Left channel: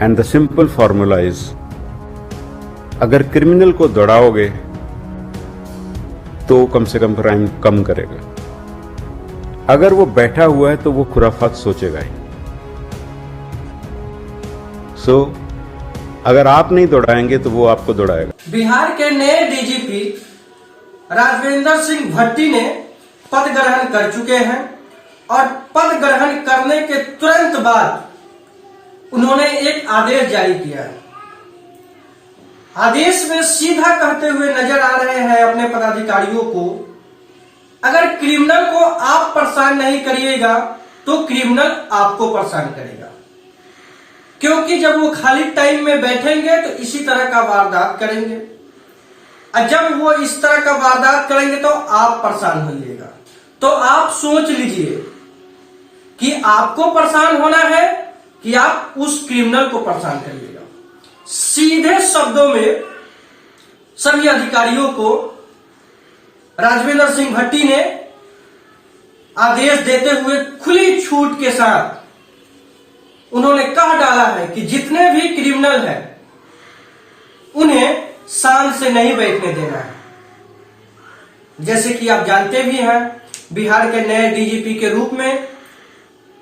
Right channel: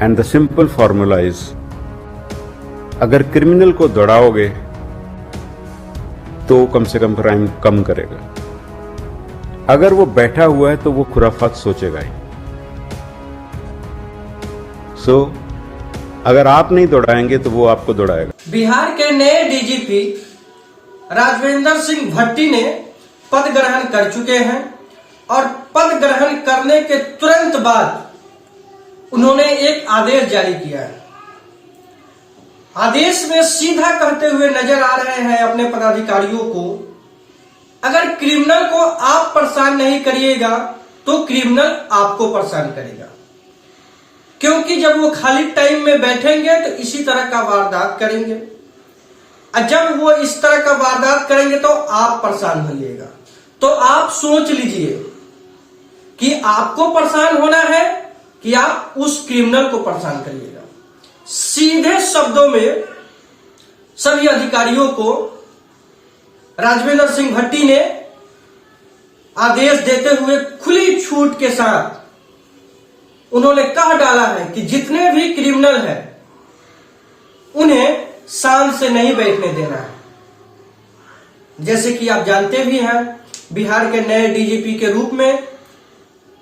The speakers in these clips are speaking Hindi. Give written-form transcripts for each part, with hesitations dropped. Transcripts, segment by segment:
And the simple formula is, अगर क्रिमिनल को दौड़ाओगे तो कम से कम क्राइम कम करेगा। अगर वो बैठा हुआ है तो वो खुराफात सोचेगा ही। सो अगर आप नहीं दौड़ाएंगे तो वो आपको दौड़ाएगा। बिहार के नए डीजीपी राजवेंद्र सिंह भट्टी ने पद ग्रहण कर चुके हैं और पद ग्रहण करने के तुरंत बाद उन्होंने एक आदेश जारी किया है। आदेश में सीधा कहते हुए नजर आ रहे हैं अपने पदाधिकारियों को, अगर क्रिमिनल को आप परेशान नहीं करिएगा तो क्रिमिनल आपको परेशान करेगा, क्योंकि जब वो खाली टाइम में बैठेंगे तो इसी तरह का वारदात करेंगे, और जब वो इस तरह का वारदात करेंगे तो आप परेशान होइएगा। तो आप सोच लीजिए कि आपको परेशान होना है कि आप उस क्रिमिनल को परेशान करिएगा। सीधे शब्दों में सभी अधिकारियों को राजवेंद्र सिंह भट्टी ने आदेश देते हुए खुली छूट के साथ उन्होंने कह डाला है कि जितने भी क्रिमिनल हैं उन्हें शांत से नहीं बैठने देना है। जैसे कि आप जानते भी हैं, बिहार के नए डीजीपी के रूप में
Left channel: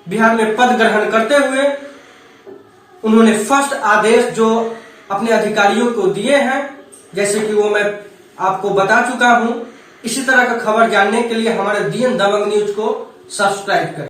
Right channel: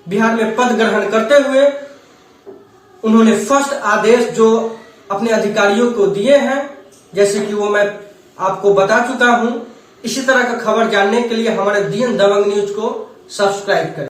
बिहार में पद ग्रहण करते हुए उन्होंने फर्स्ट आदेश जो अपने अधिकारियों को दिए हैं, जैसे कि वो मैं आपको बता चुका हूं। इसी तरह का खबर जानने के लिए हमारे DN दबंग न्यूज को सब्सक्राइब करें।